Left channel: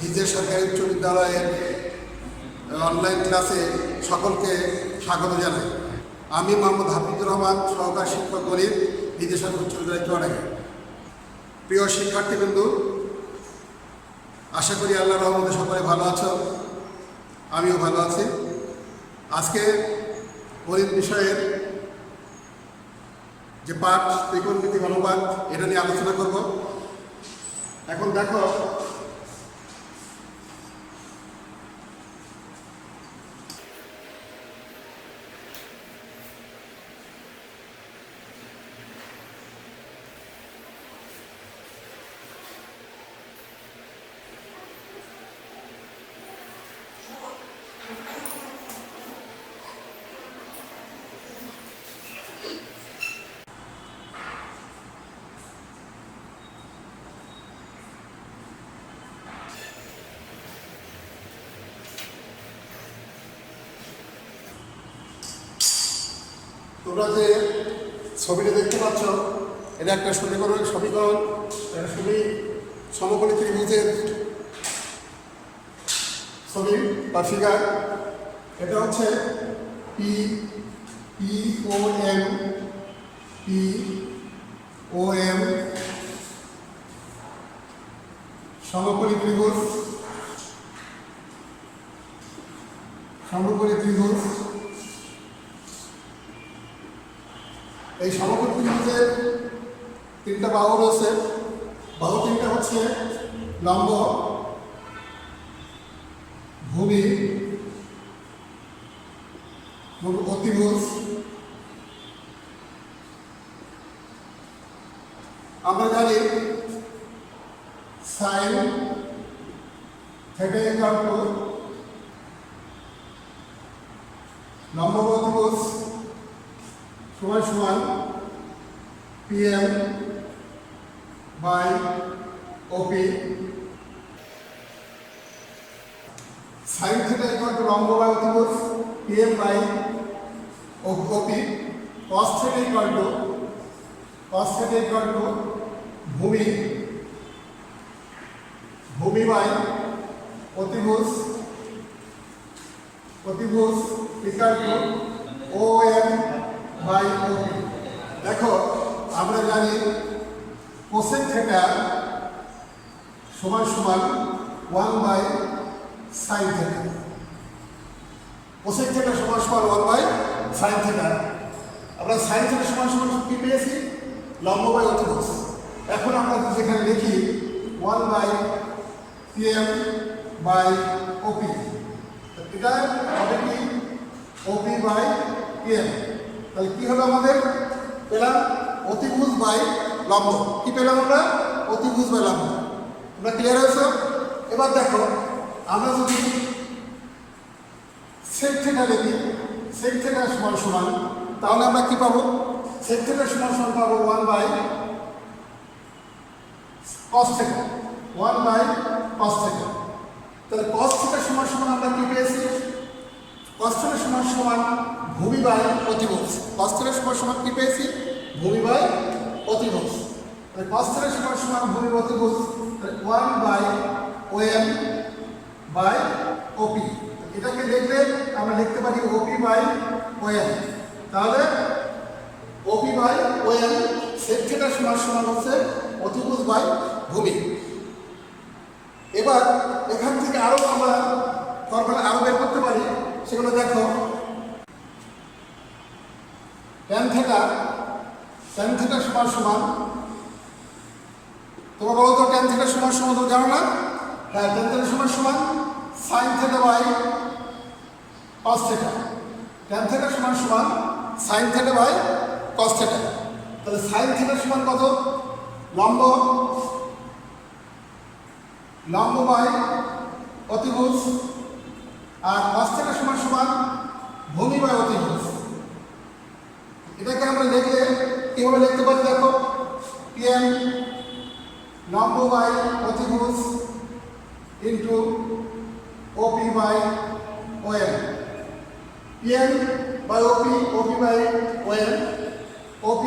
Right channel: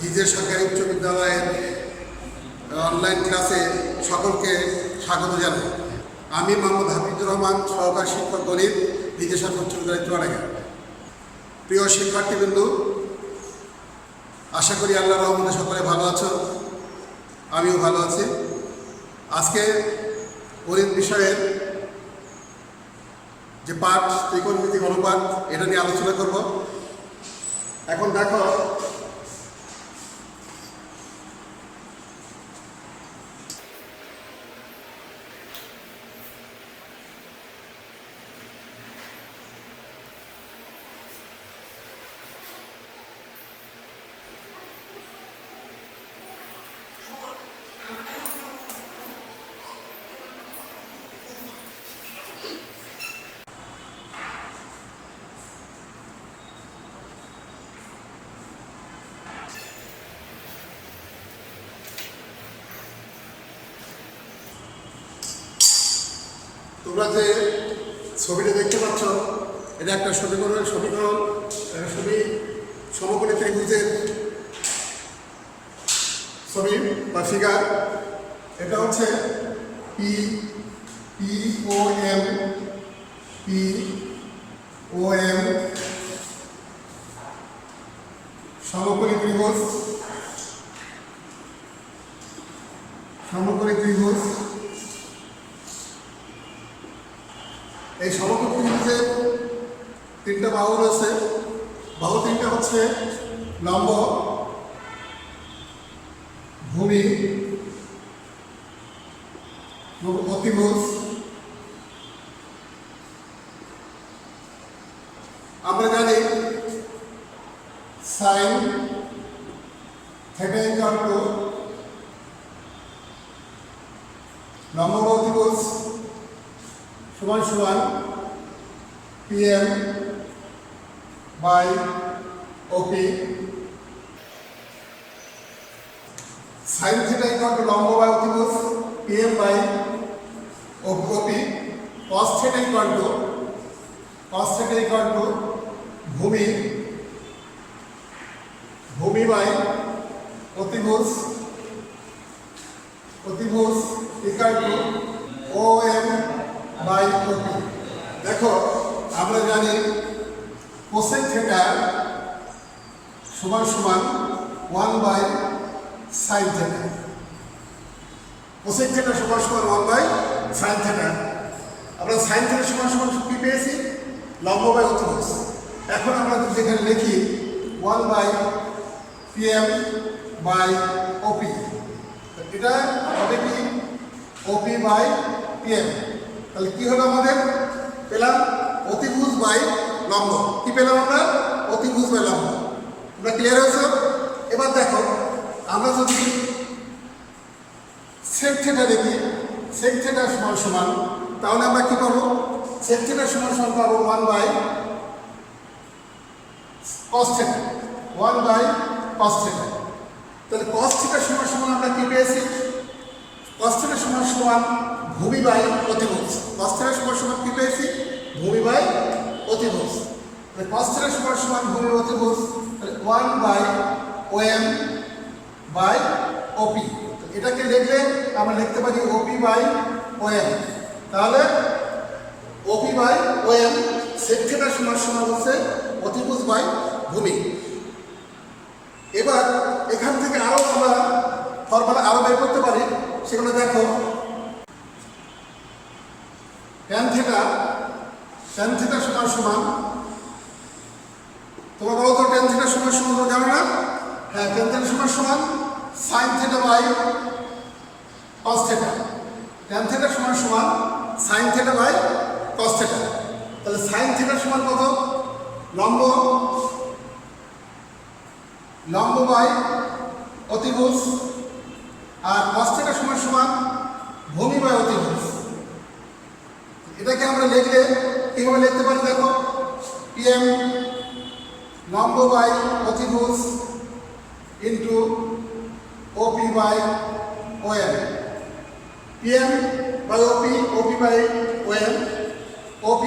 হিজে সরকারি উচ্চ বিদ্যালয়ের অনলাইন ক্লাসে সকলকে স্বাগত জানাই। আমি মোহাম্মদ হাফিজুর রহমান, সহকারী শিক্ষক গণিত, হিজে সরকারি উচ্চ বিদ্যালয় চুয়াডাঙ্গা। প্রিয় শিক্ষার্থীবৃন্দু, আশা করি আল্লাহর রহমতে সকলে ভালো আছো, আমিও ভালো আছি। আজকে গণিত বিষয়ের যে পাঠ ত্রিকোণমিতিক অনুপাত, এটা নিয়ে আলোচনা করব। এখন দেখো, তোমরা যে ছবিটা দেখতে পাচ্ছ, এটা একটা সমীকরণ সমকোণী ত্রিভুজের ছবি বা ফিগার। এটা হচ্ছে POM সমকোণী ত্রিভুজ। এই সমকোণী ত্রিভুজের তিনটা বাহু রয়েছে। বাহু তিনটা হচ্ছে লম্ব, ভূমি, অতিভুজ। আমরা জানি সাইন থিটা ইকুয়াল টু লম্ব অতিভুজ সমান সমান PM by OP। Sine theta equal to লম্ব বাই অতিভুজ PM by OP। Cos theta equal to ভূমি বাই অতিভুজ equal to OM by OP। দেখো, আমরা জানি কোসেক থিটা সমান সমান 1 by sine theta. Cosec theta সমান সমান 1 বাই সাইন থিটা। আমরা সাইন থিটা সমান সমান কি পেয়েছি? লম্ব বাই অতিভুজ। এখন আমরা যেখানে লিখি 1 বাই PM বাই OP, এটা হবে কি OP বাই PM। তাহলে কি হলো? আমাদের পেলাম অতিভুজ বাই লম্ব। কি পেলাম আমরা? অতিভুজ বাই লম্ব। তোমরা ক্লিয়ার হয়েছ? এবার দেখো, আমরা যদি সেক থিটা দেখি, সেক থিটা সমান সমান, তাহলে আমরা কি পাবো? সেক থিটা সমান সমান পাবো 1 by cos theta. 1 by cos theta. তাহলে কস থিটা সমান সমান আমরা কি পেয়েছি? কস থিটা সমান সমান ভূমি বাই অতিভুজ। কস থিটা সমান সমান কি পেয়েছি? ভূমি বাই অতিভুজ। কস থিটা সমান সমান ভূমি অতিভুজ, 1 বাই OM বাই OP। এটাকে লিখলে আমরা লিখতে পারি OP বাই OM। তাহলে OP by OM, sec theta সমান সমান হচ্ছে অতিভুজ বাই ভূমি। এবার এখান থেকে আরো আমরা ফর্মুলা আরো বের করতে পারি। সেগুলো দেখো, ট্যান থিটা সমান সমান, তোমরা বলো তো ট্যান থিটা সমান সমান তো জানো না? হ্যাঁ, ট্যান থিটা সমান সমান sine theta by cos theta. Tan theta সমান সমান sine theta by cos theta. তাহলে সাইন থিটা সমান কত? লম্ব বাই অতিভুজ। আর কস থিটা সমান সমান ভূমি বাই অতিভুজ। এটাকে আমরা লিখলে কিভাবে লিখতে পারি? দেখো, PM লম্ব বাই অতিভুজ into OP by OM। PM by OP by OM। OP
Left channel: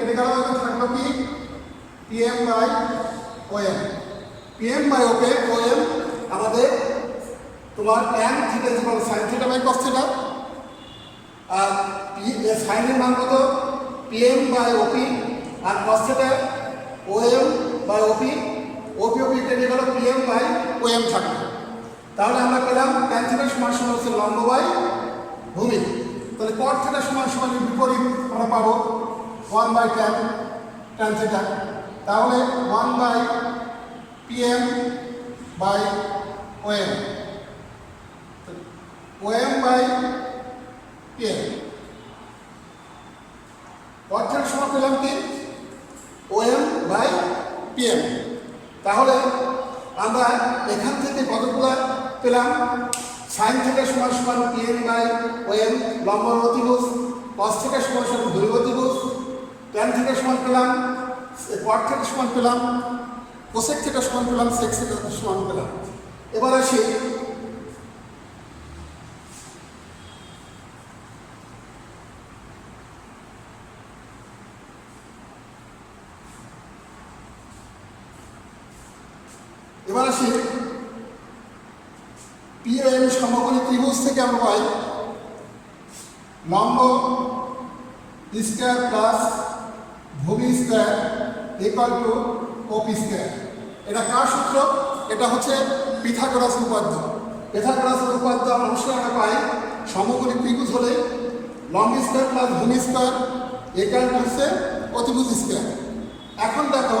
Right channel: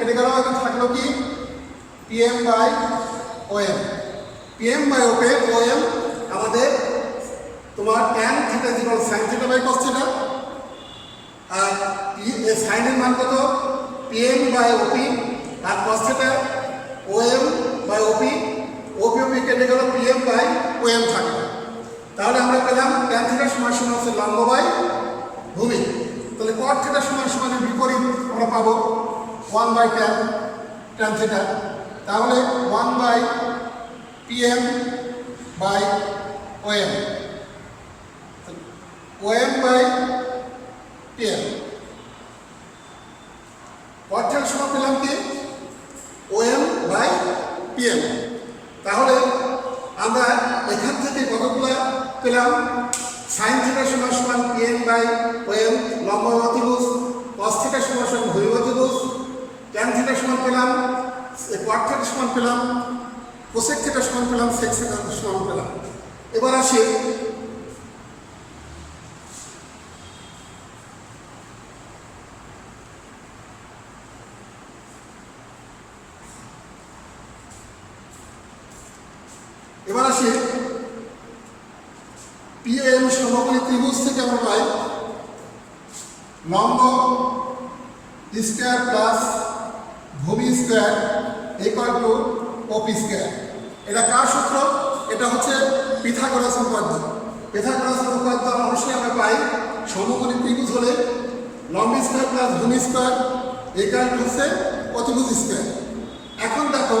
এটা গেল, থাকলো কি PM by OM। PM by OM আমাদের তোমার tan theta equal sine theta by cos theta, আর সাইনের মান কত পিএম বাই ওপি, আর cos theta OM by OP, OP কেটে গেল পিএম বাই ওএম থাকবে। তাহলে আমরা পেলাম ট্যান থিটা সমান সমান হচ্ছে লম্ব বাই ভূমি। তাহলে কট থিটা সমান সমান বিপরীত আমরা পাবো 1 বাই ট্যান থিটা। তাহলে 1 by PM by OM, OM by PM. Cot theta সমান পেলাম কি ওএম বাই পিএম। তাহলে আমরা এখান থেকে কতগুলো পেলাম, সাইন থিটা সমান সমান পিএম বাই ওএম লম্ব অতিভুজ, কস থিটা সমান সমান ভূমি অতিভুজ, ট্যান থিটা সমান পেলাম, কট থিটা সমান পেলাম, কোসেক থিটা সমান পেলাম, সেক থিটা সমান পেলাম। এবার আসি পিএম সমকোণী ত্রিভুজ থেকে আমরা পাই লম্ব স্কয়ার প্লাস ভূমি square equal to OP square. এটা কার সূত্র? এটা হচ্ছে পিথাগোরাস উপপাদ্য। পিথাগোরাস উপপাদ্য অবশ্যই আমরা পাই সমকোণী ত্রিভুজ হলে লম্ব স্কয়ার প্লাস ভূমি স্কয়ার ইকুয়াল টু হচ্ছে অতিভুজ স্কয়ার। এখন দেখো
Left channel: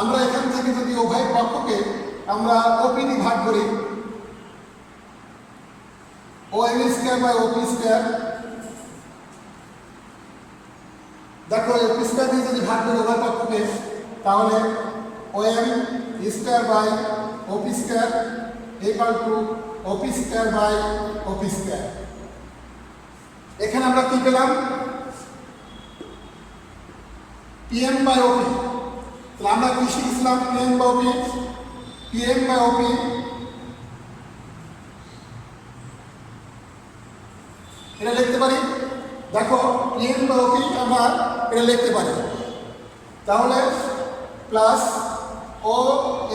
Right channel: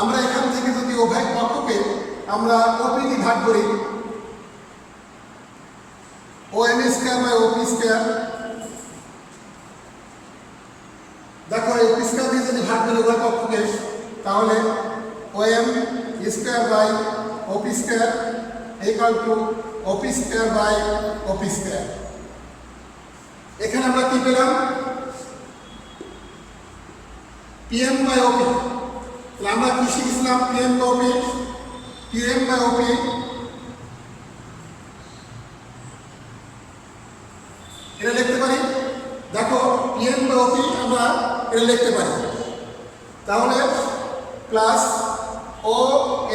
আমরা এখান থেকে যদি উভয় পক্ষকে আমরা ওপি দিয়ে ভাগ করি, OM square by OP square, দেখো ওপি স্কয়ার দিয়ে যদি ভাগ করি উভয় পক্ষকে, তাহলে OM square by OP square equal to OP square by OP square. এখানে আমরা কি পেলাম পিএম বাই ওপি। তাহলে আমরা কি শিখেছিলাম PM by OP, PM by OP এটা লিখতে পারি। দেখো পিএম বাই ওপি আমরা এটা লিখতে পারি, তাহলে প্লাস ও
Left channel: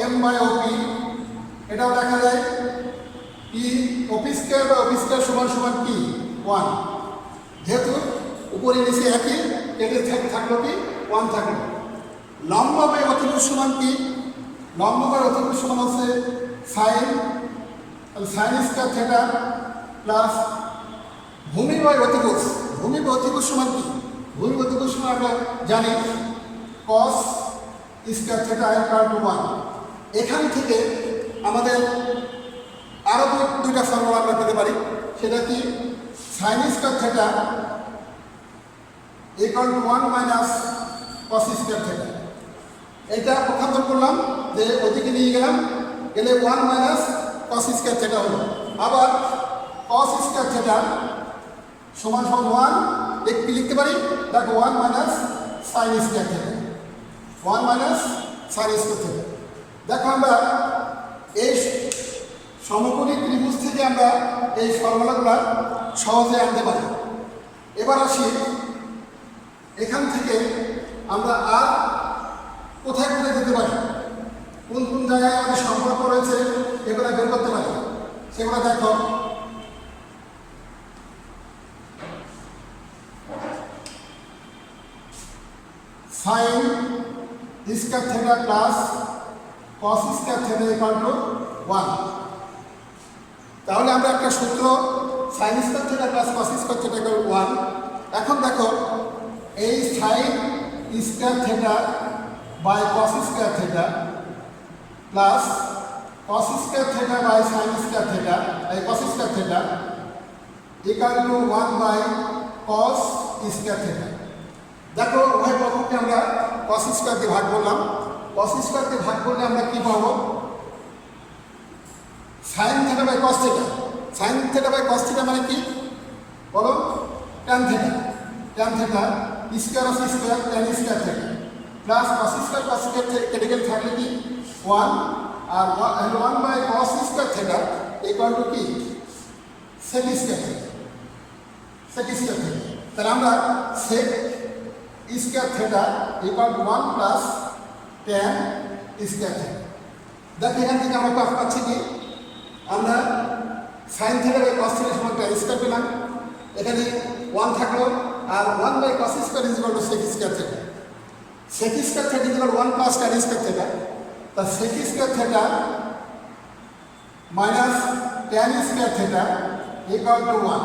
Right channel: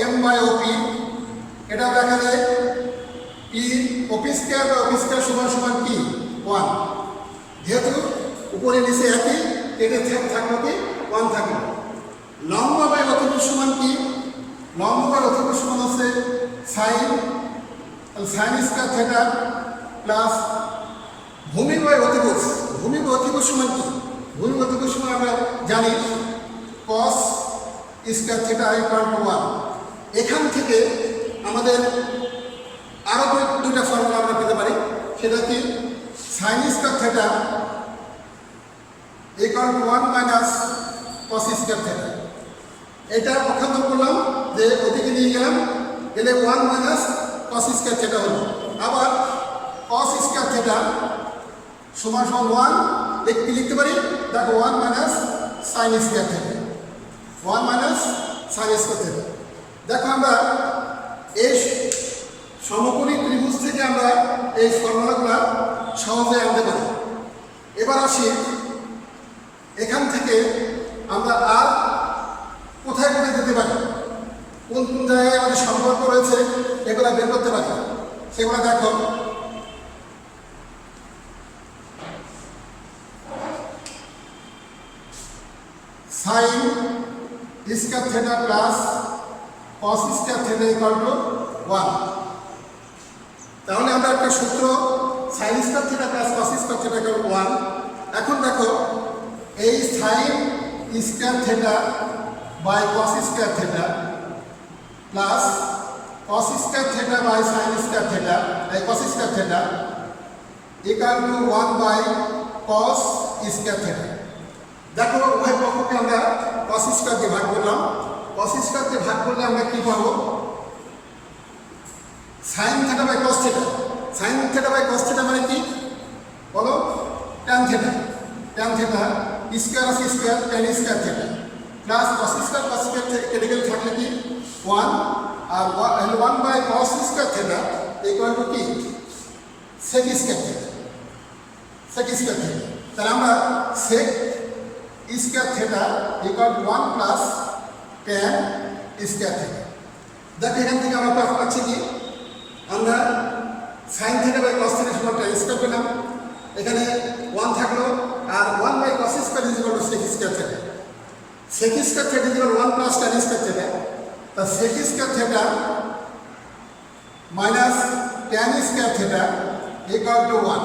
এম বাই ওপি এটাও লেখা যায় পি ওপি স্কয়ার বা ওপি স্কয়ার সমান সমান কি 1, যেহেতু উপরে নিচে একই কেটে থাকলো কি 1 থাকলো। লম্ব বাই অতিভুজ সমান কি, লম্ব বাই অতিভুজ সমান হচ্ছে সাইন, তাহলে সাইন স্কয়ার থিটা প্লাস ভূমি বাই অতিভুজ, ভূমি বাই অতিভুজ সমান কি, ভূমি অতিভুজ সমান আমরা জানি কস স্কয়ার থিটা ইকুয়াল টু 1। এখান থেকে আমাদের আরও দুইটা ফর্মুলা আমরা পেতে পারি, সেটা কি sign square theta equal to 1 minus cos square theta. এটা পক্ষান্তর করলাম যে ওদিকে নিয়ে গেলাম, গেলে 1 মাইনাস কস স্কয়ার থিটা হলো। আবার কস স্কয়ার থিটা সমান সমান 1 একটি লিখতে পারি, দেখো 1 minus sine square theta, 1 minus sine square theta. দেখো আমরা এই সমকোণী ত্রিভুজ থেকে আমরা এই ফর্মুলাগুলো সহজে আনতে পারি। এবার আসি এখান থেকে আমরা আর কোথায় কোথায় যেতে পারি, কোন কোন জায়গায় আমাদের সম্পর্ক রয়েছে এগুলো বের করতে পারি। সেগুলো দেখো sine square theta plus cos square theta equal to 1। তাহলে আমরা একটা সূত্র sine square theta plus cos square theta equal 1। এখন দেখো এই sine square theta by cos square theta plus cos square theta by sine square theta এই cos square theta equal to 1 by cos square theta. দেখো উভয় পক্ষকে আমরা কস square দিয়ে ভাগ করলাম, কস স্কয়ার দিয়ে ভাগ করলে আমরা কি পাবো sine theta by cos theta. Sine theta by cos theta মানে কি বলো, tan theta, tan theta square of square tan square theta plus cos square কেটে গেলে থাকলে কি 1, আর 1 by cos square theta equal to কি sec square theta, sec square theta. তাহলে আমরা sec square theta equal to 1 plus tan square theta. দেখো এখান থেকে আমরা পাচ্ছি কি আমরা sine theta by cos theta সমান tan স্কয়ার পেলাম। এখানে 1 থাকলো আর 1 by cos square is equal to sec square theta. sec square theta is equal 1 plus tan square theta. তা sec square theta minus tan square theta equal to 1।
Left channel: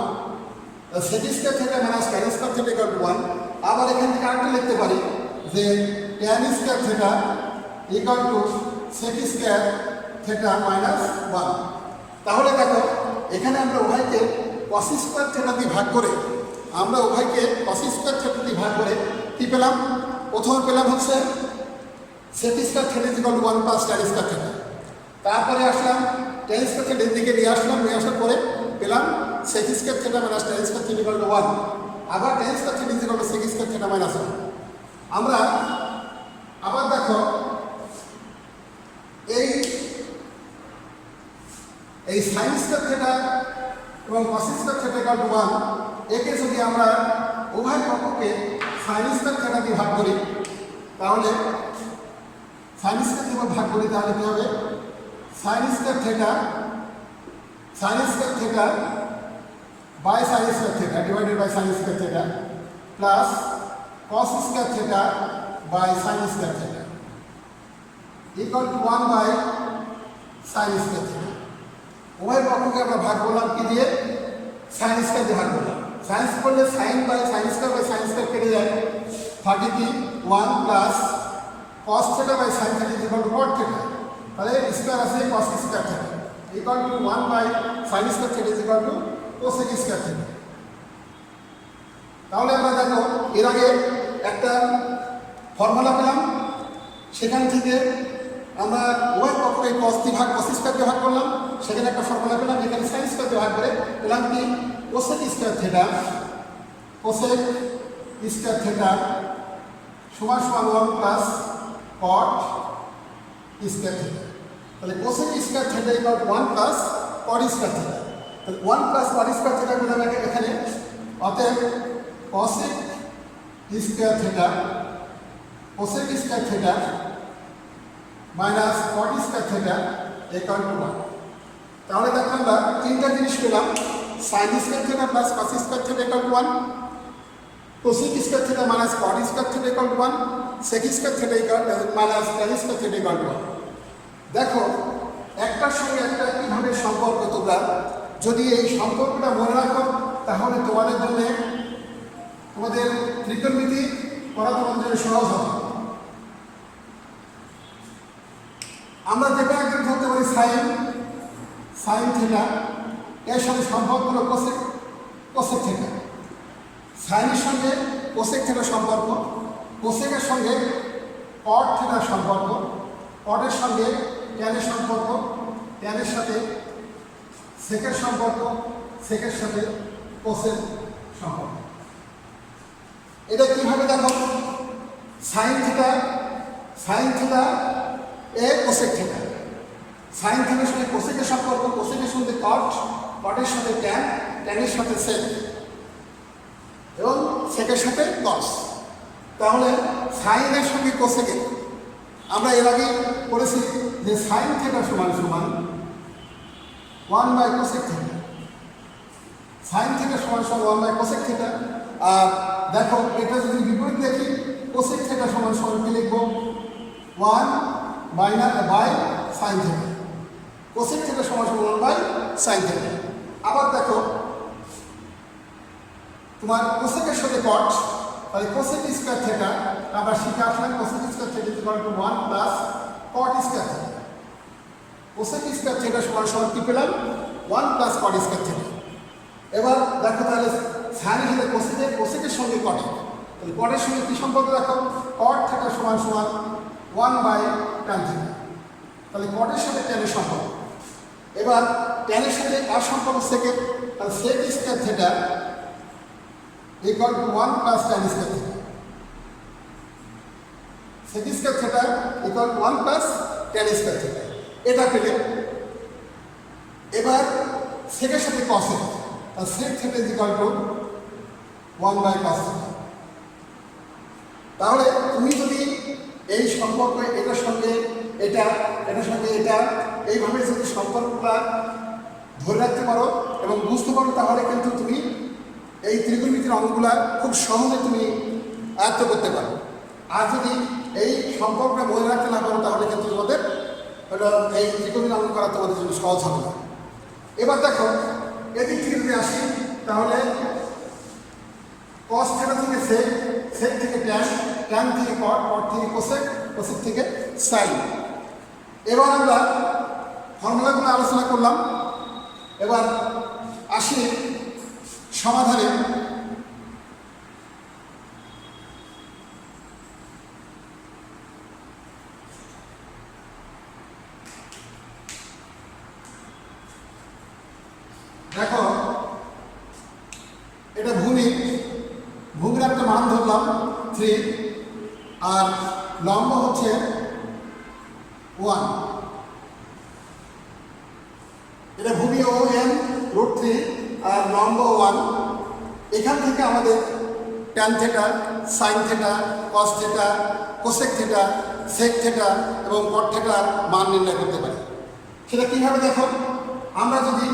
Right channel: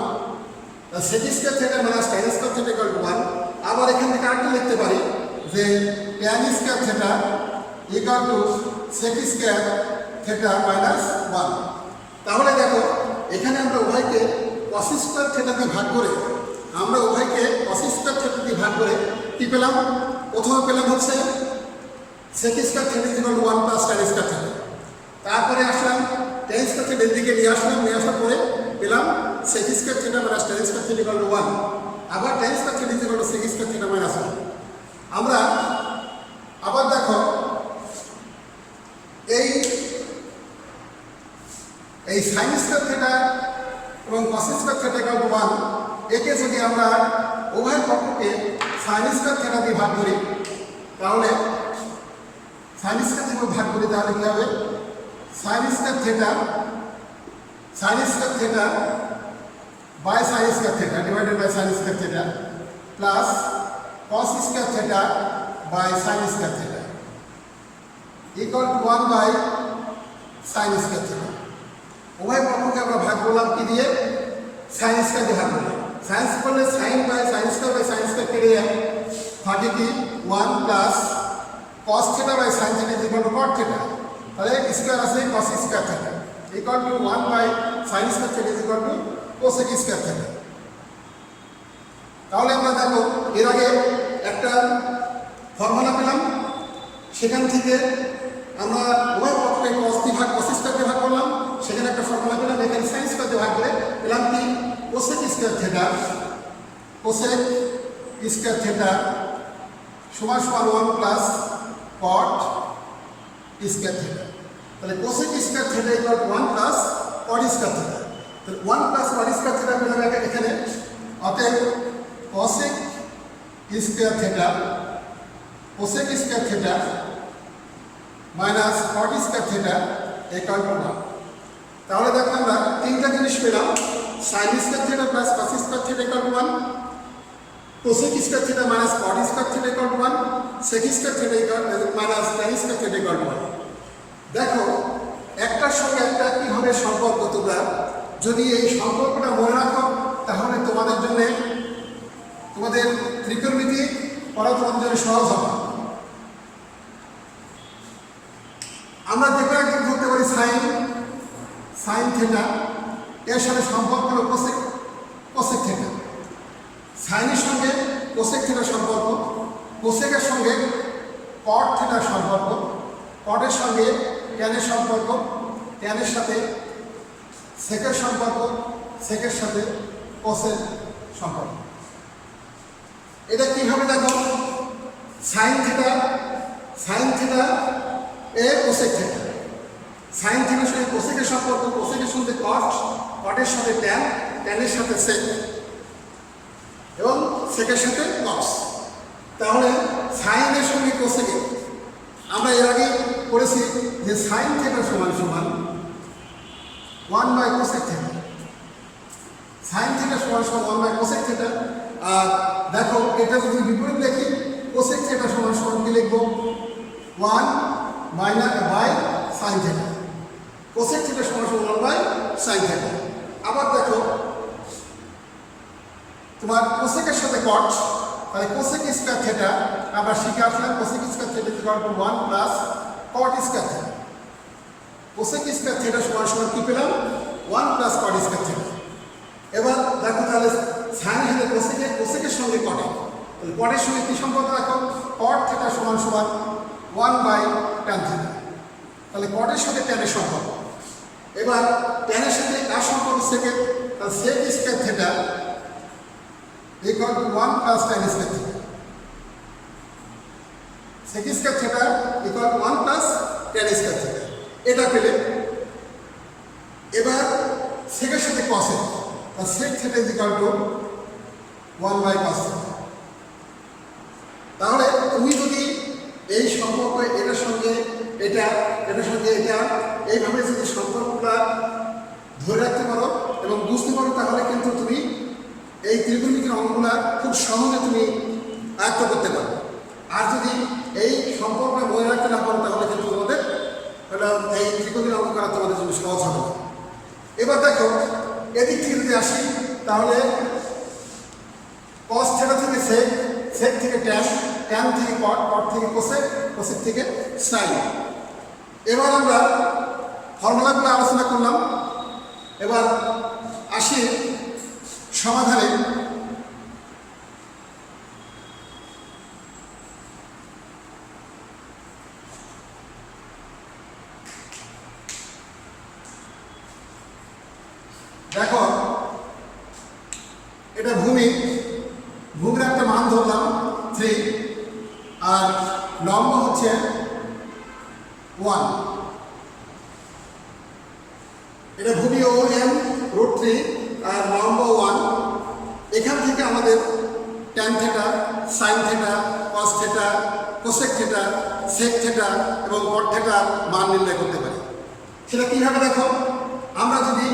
তা sec square theta minus tan square theta equal to 1। আবার এখান থেকে আরেকটা লিখতে পারি যে tan square theta equal to sec square theta minus 1। তাহলে দেখো এখানে আমরা উভয়কে cos স্কয়ার থিটা দিয়ে ভাগ করে কি পেলাম? প্রথমে পেলাম হচ্ছে sec square theta equal to 1 plus tan square theta. তারপরে আসলাম tan স্কয়ার থিটা এদিকে নিয়ে আসার পরে পেলাম sec square theta minus tan square theta equal to 1। আবার tan square theta equal to sec square theta minus 1। আমরা আবার দেখো এই sin স্কয়ার থিটা এবং cos square theta equal to 1 একে যদি আমরা উভয় পক্ষকে sin স্কয়ার থিটা দিয়ে ভাগ করি তাহলে sin স্কয়ার থিটা ভাগ করি তাহলে কি হবে? sin square theta by sin square theta divided by sin square theta plus cos square theta by sin square theta equal to 1 by sin square theta. উভয় পক্ষকে আমরা ভাগ করলাম কি দিয়ে? sin স্কয়ার দিয়ে ভাগ করলাম। sin করলে sin বাই sin স্কয়ার কেটে যায়, থাকে কি 1 plus cos theta by sin theta is equal to cot theta. তাহলে স্কয়ার আছে cos square theta equal to 1 by sin square theta is equal to cosec square theta. তাহলে আমরা দেখো এর আগে একটা ফর্মুলা পেলাম, সেখান থেকে আমরা উভয় পক্ষকে cos স্কয়ার দিয়ে ভাগ করলাম, সেখানে একটা ফর্মুলা পেলাম। এখানে sin স্কয়ার দিয়ে ভাগ করে পেলাম কি? cosec স্কয়ার থিটা সমান 1 প্লাস cot স্কয়ার থিটা। তাহলে cosec square theta equal to 1 plus cot square theta. তাহলে 1 প্লাস cot স্কয়ার থিটা পেলাম এখানে। অতএব cosec square theta minus cot square theta equal to 1। তাহলে দেখো আমরা তিনটা জিনিস পেলাম, sin square theta plus cos square theta equal to 1, cosec square theta minus cot square theta equal to 1, sec square theta minus tan square theta equal to 1। দেখো একটার সঙ্গে একটা কিভাবে সম্পর্ক, তোমরা যদি এই সম্পর্কটা মনে রাখো তাহলে তোমাদের ত্রিকোণমিতি পড়া তোমাদের জন্য সহজ হবে। আমরা যে কোনো একজন ধরতে পারি sin থিটা, এর সাথে সম্পর্ক হলো cosec থিটা। সাইনের সঙ্গে cosec থিটার সম্পর্ক, কোসেকের সঙ্গে cot থিটার সম্পর্ক, কটের সঙ্গে ট্যানের সম্পর্ক, ট্যানের সাথে সেকের সম্পর্ক, সেকের সাথে কোসের সম্পর্ক। এটা কিভাবে দেখো? sin থিটা এ cosec থিটা, sin থিটার সঙ্গে কোসেকের সম্পর্ক, কোসেকের সঙ্গে cot, কটের সাথে ট্যানের সাথে সেক এবং সেকের সাথে cos। তাহলে সাইনের সঙ্গে কোসেকে আমরা এর আগে করেছি যে sin থিটা সমান 1 by cosec theta. sin theta সমান 1 বাই cosec থিটা। আর দেখো এটা যদি বিপরীত লিখি, cosec থিটা সমান কি লিখব? 1 by sin theta. cosec theta সমান 1 বাই sin থিটা। আবার দেখো তোমার কোসেকের সাথে cot, তাহলে cosec স্কয়ার থিটা আমরা শিখে আসলাম। cosec square theta equal to 1 plus cot square theta. cosec square theta সমান কি পেলাম? 1 প্লাস cot স্কয়ার থিটা। এবার দেখো তাহলে সাইনের সাথে কোসেকের সঙ্গে cot, তাহলে cot-এর সঙ্গে কি সম্পর্ক দেখো? cot থিটা সমান 1 বাই tan থিটা। তাহলে cot-এর সাথে tan-এর সম্পর্ক। এবার tan-এর সাথে আর সম্পর্ক সেকের, তাহলে sec square theta equal to 1 plus tan square theta. sec square theta equal to 1 plus tan square theta. এটা পেলে এবার সেকের সাথে cos-এর, তাহলে sec theta equal to 1 by cos theta. তাহলে তুমি যদি এই সম্পর্ক এটার সঙ্গে এটা এইভাবে যদি সম্পর্কটা ধরে রাখতে পারো এবং বুঝতে পারো, তাহলে কিন্তু তুমি এই ত্রিকোণমিতির অঙ্কগুলা খুব সহজে তুমি আয়ত্ত করতে পারো। আর যদি এই সম্পর্কটা মনে রাখতে না পারো, তাহলে কিন্তু তোমাদের এই ত্রিকোণমিতির অঙ্ক করা তোমাদের জন্য সহজ হবে না। এবার দেখো এদিক থেকে যদি আসি, তাহলে কস থিটা থেকে সেক, সেক থেকে ট্যান, ট্যান থেকে কট, কট থেকে কোসেক, কোসেক থেকে সাইন। এবার আমরা ফর্মুলাগুলো আলোচনা করলাম। এবার আসি সমাধানে। দেখো এটা ভূমি, ভূমির একটা মান ধরলাম 3, আর লম্ব হচ্ছে 1। এটা ভূমি ও এম √3 আর লম্ব 1। এখান থেকে আমাদের tan theta, sine theta, cos theta, cosec theta, sec theta এবং কট থিটা মান নির্ণয় করতে পারি। সেটা কীভাবে দেখো, আমরা যদি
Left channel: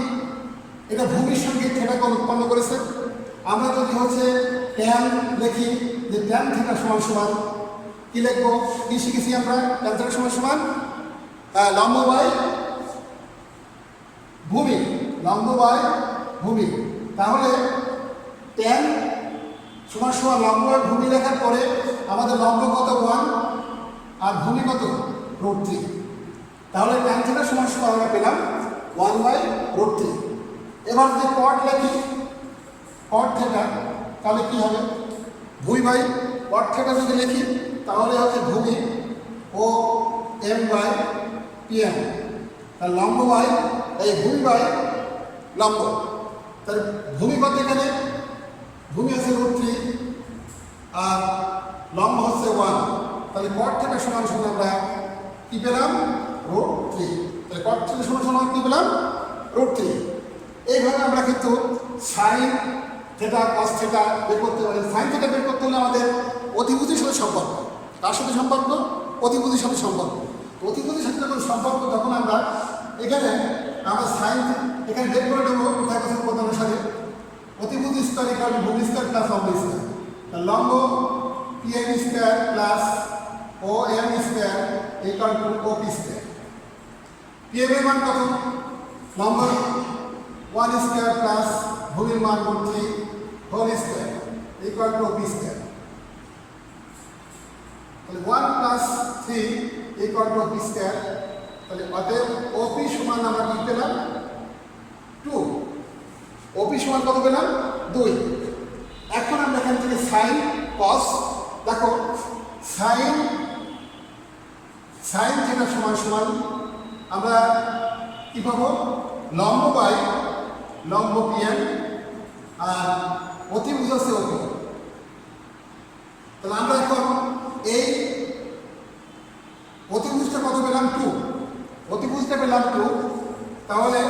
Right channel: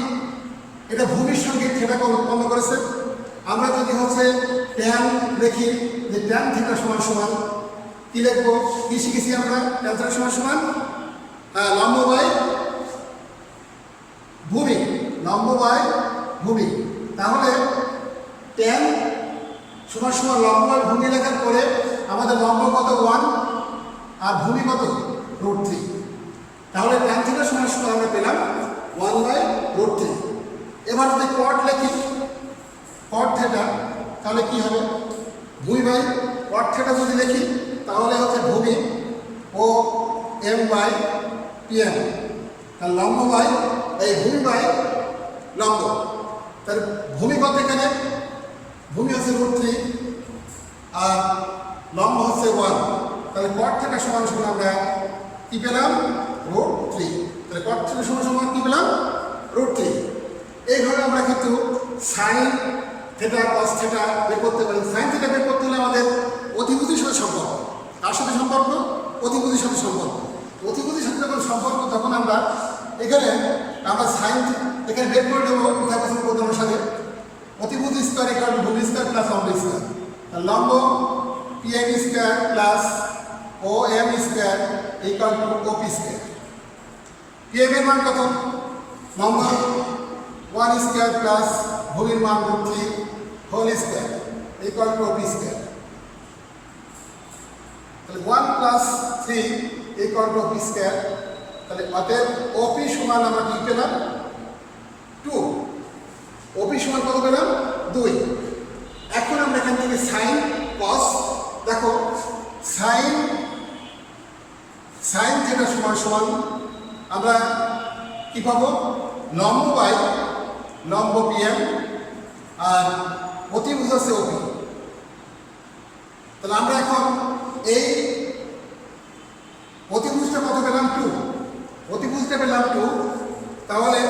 এটা ভূমির সঙ্গে থিটাকে উৎপন্ন করেছে, আমরা যদি হচ্ছে ট্যান লিখি, যে ট্যান থিটা সমান সমান কী লিখবো, কী শিখেছি আমরা, ট্যান থিটা সমান সমান লম্ব বাই ভূমি, লম্ব বাই ভূমি। তাহলে ট্যান সমান সমান লম্ব বাই ভূমি লেখার পরে আমাদের লম্ব কত 1 আর ভূমি কত √3। তাহলে ট্যান থিটা সমান সমান আমরা পেলাম 1/√3। এবার যদি কট লিখি, কট থিটা, তাহলে কি হবে, ভূমি বাই কট থিটা যদি লিখি, তাহলে হচ্ছে ভূমি ও m/pm, তার লম্ব বাই এই ভূমি বাই লম্ব। তার ভূমি কত এখানে, ভূমি হচ্ছে √3 আর লম্ব হচ্ছে 1। তাহলে কট থিটা সমান সমান আমরা কী পেলাম, √3। তাহলে কট থিটা সমান সমান কী পেলাম, √3। এইভাবে আমরা কিন্তু সাইন থিটা, কস থিটা বের করতে পারি। সাইন থিটা বের করতে হলে আমাদের অধিপতির সাথে সম্পর্ক, তার সাথে সম্পর্ক, অধিপতির সাথে সম্পর্ক। অধিপতির সাথে যখন সম্পর্ক, তখন আমরা এখানে সাইন এখানে বের করে দেবো পিথাগোরাসের প্রথম সাথে, অধিপতি স্কয়ার ইকুয়াল টু ভূমি স্কয়ার প্লাস লম্ব স্কয়ার। লম্ব pm square plus om square equal to op square. pm এর মান কত, লম্ব 1 স্কয়ার প্লাস ভূমির মান √3 whole square equal to op square. তাহলে 1 plus 3 equal to op square. তাহলে অতএব op সমান আমরা কি পেলাম, 2। op সমান কত পেলাম, 2। এখন আমরা এখান থেকে সাইন কস, দেখো সাইন থিটা সমান সমান আমরা কি পাবো, লম্ব বাই লম্ব pm আর অতিভুজ হচ্ছে op। তাহলে আমরা এখন এই অতিভুজটা কত পেলাম, 2। অতিভুজটা পেলাম 2। তাহলে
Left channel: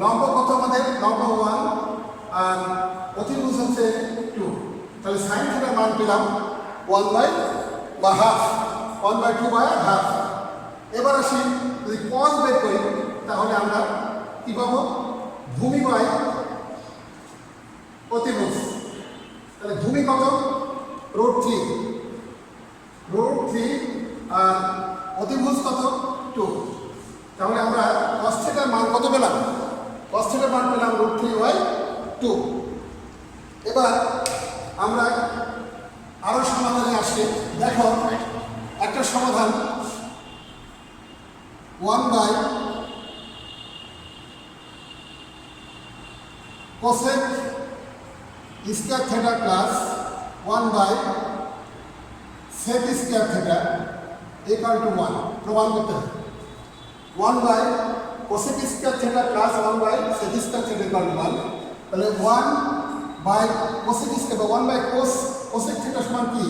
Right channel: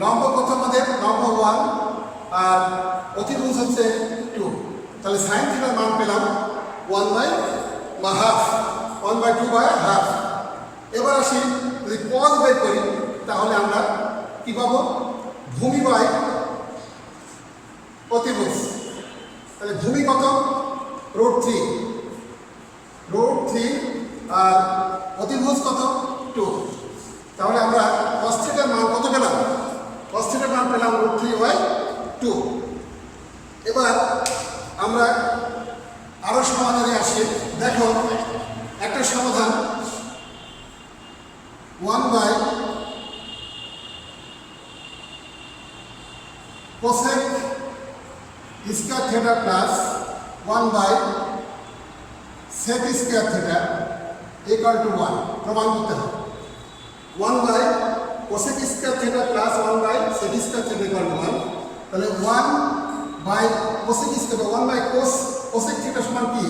লম্ব কত আমাদের, লম্ব 1 আর অতিভুজ হচ্ছে 2। তাহলে সাইন থিটার মান পেলাম 1/2, 1/2/2। এবার আসি, যদি কস বের করি, তাহলে আমরা কি পাবো, ভূমি বাই অতিভুজ। তাহলে ভূমি কত, √3 আর অতিভুজ কত, 2। তাহলে আমরা কস থিটার মান কত পেলাম, কস থিটার মান পেলাম √3/2। এবার আমরা আরো সমাধানে আসি। দেখো একটা সমাধান, 1/cosec square theta plus 1/sec square theta equal to 1 প্রমাণ করতে হবে। 1/cosec square theta plus 1/sec square theta equal to 1। তাহলে 1/cosec স্কয়ার বা 1/cosec থিটা সমান কি,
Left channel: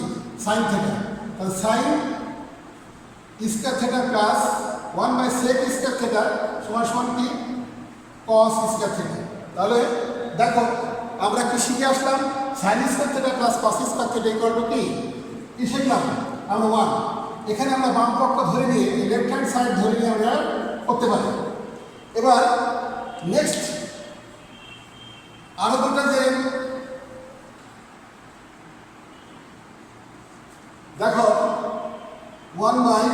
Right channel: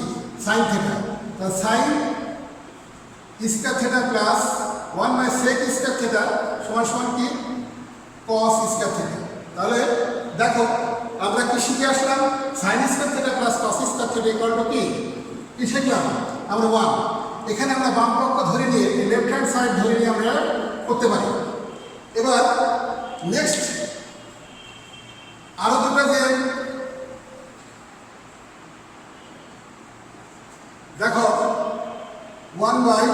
সাইন থিটা। তাহলে sign square theta plus 1/sec square theta সমান সমান কি, cos স্কয়ার থিটা। তাহলে দেখো আমরা কি শিখে আসলাম, sine square theta plus cos square theta equal to কি শিখলাম আমরা 1। এখানে আমরা বাম পক্ষ ধরে নিয়ে লেফট হ্যান্ড সাইড ধরে নিয়ে আমরা করতে পারি। এবার নেক্সট আরো দুটো যে দেখো 1 by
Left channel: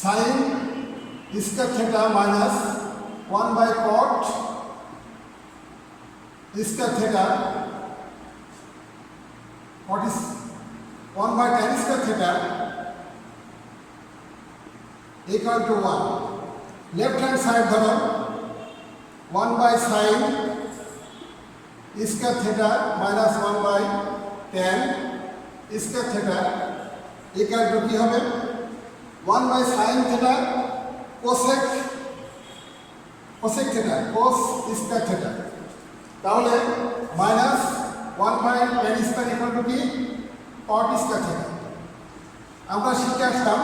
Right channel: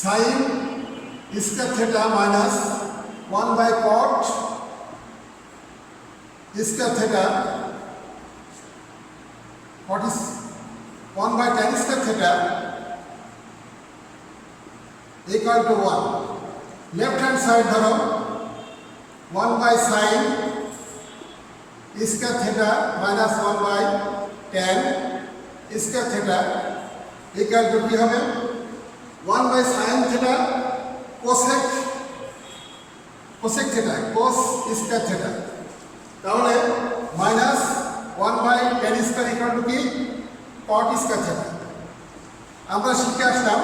sine square theta minus 1 by cot square theta cot is 1 by tan square theta equal to 1 left hand side ধরো 1 by sine square theta minus 1 by tan square theta equal to কি হবে 1 by sine theta cosec theta cos square theta তাহলে minus 1 by tan square equal to কি cot square theta. আমরা শিখে আসলাম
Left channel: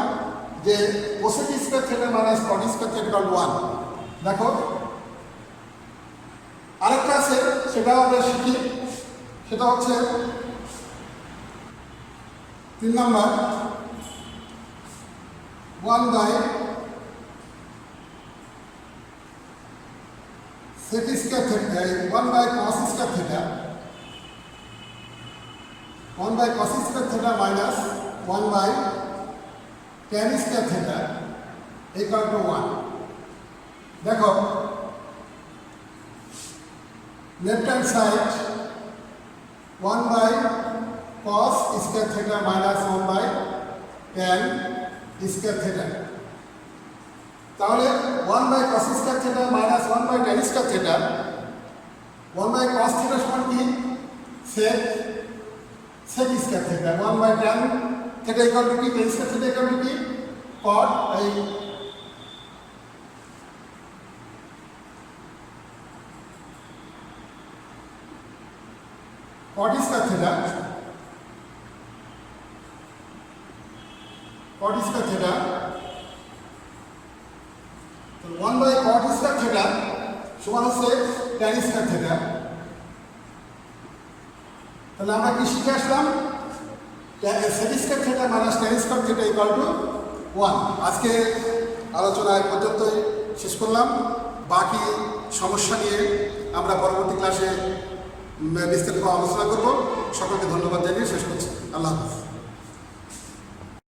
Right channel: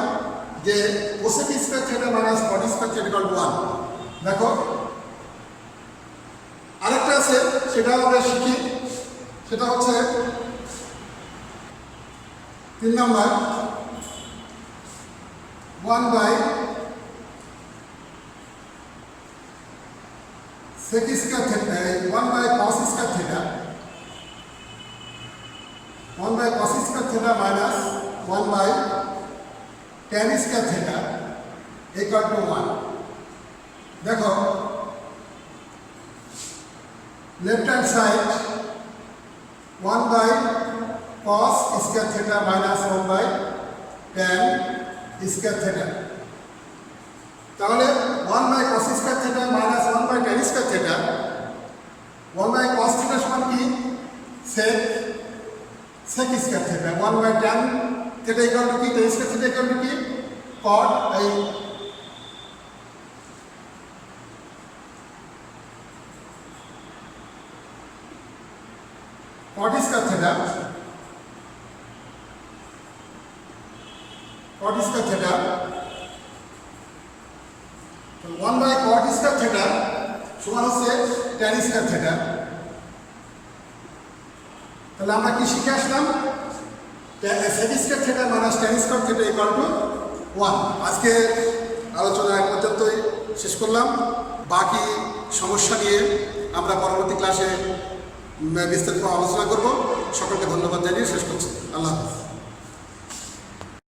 যে cosec square theta minus caught square theta equal to 1। দেখো আরেকটা আছে সেটা আমরা শিখি, সেটা হচ্ছে 3 number 1 by sec square theta 1 by cos square theta 1 by cos square theta minus 1 by tan square theta equal to 1। দেখো left hand side 1 by cos square theta minus 1 by tan square theta তাহলে 1 by cos square theta minus 1 by tan square theta 1 by cos theta সমান কি sec square theta 1 by tan theta equal to কি tan square theta equal to কি cot এই cot square theta 1 by cot square theta সমান হচ্ছে tan square theta. তাহলে আমরা কি শিখে আসলাম sec square theta minus tan square theta equal to 1। আজকে আলোচনা এক পর্যন্তই শেষ করলাম, বাকি সমস্যা নিয়ে আমরা পরবর্তী ক্লাসে বিস্তারিত আলোচনা করব। সকলকে ধন্যবাদ জানিয়ে শেষ করছি। আল্লাহ হাফেজ।